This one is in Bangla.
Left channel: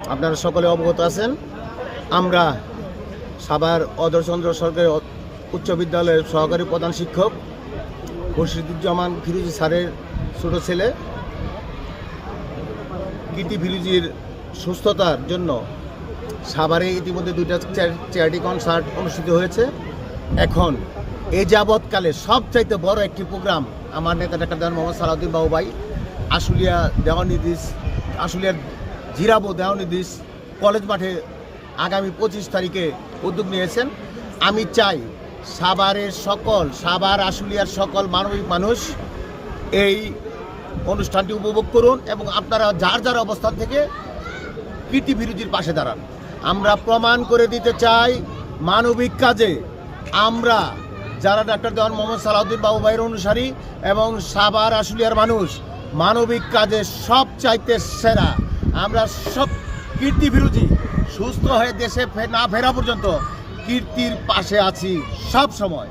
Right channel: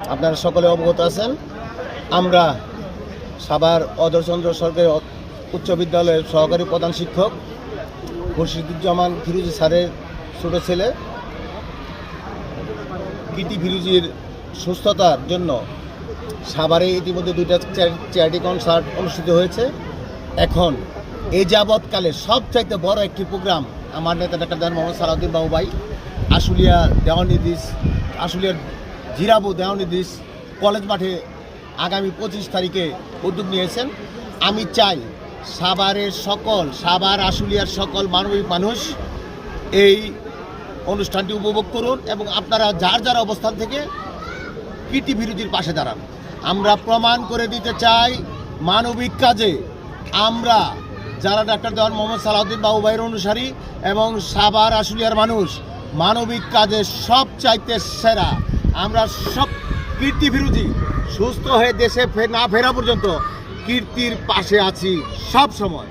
আপনারা সকলে অবগত আছেন, আমরা সাভার অধরচন্দ্র সরকারি উচ্চ বিদ্যালয়ের সহকারী প্রধান শিক্ষক মুর্শিদুজ্জামান ফিরোজী স্যারের ছোট ছেলে কীর্তি ফিরোজীর সুস্থতার জন্য সাভারে ইতিমধ্যে দুইটা চ্যারিটি কনসার্ট অনুষ্ঠিত হয়েছে। এখন এ যাবৎকালে সবচাইতে বড় একটি প্রোগ্রাম আমার নেতা ডাক্তার মোহাম্মদ সালাউদ্দিন বাবু ভাই আশুলিয়া দেওয়ানিদিস আশুলিয়ার জিরাবো দেওয়ানিদিস কলেজ মাঠে আগামী 25 তারিখে উদ্যোগ নিয়েছেন। আমি চাই সাভার আশুলিয়ার সকল মানবিক মানুষ এই অনুষ্ঠানটি উপভোগ করুন এবং আপনারা যার যার অবস্থান থেকে কীর্তি ফিরোজীর পাশে দাঁড়ান। আমরা প্রমাণ করে দিতে চাই মানবিক কাজে আমরা যারা ডাক্তার দেওয়ান মোহাম্মদ সালাউদ্দিন বাবু ভাইয়ের অনুসারী এবং সাভার আশুলিয়ার মানুষ মানবিক কাজে সব চাইতে সেরা। আমরা সব কীর্তি ফিরোজী সুস্থ হয়ে দেশে না ফেরা পর্যন্ত কীর্তির পাশে আছি সব সময়।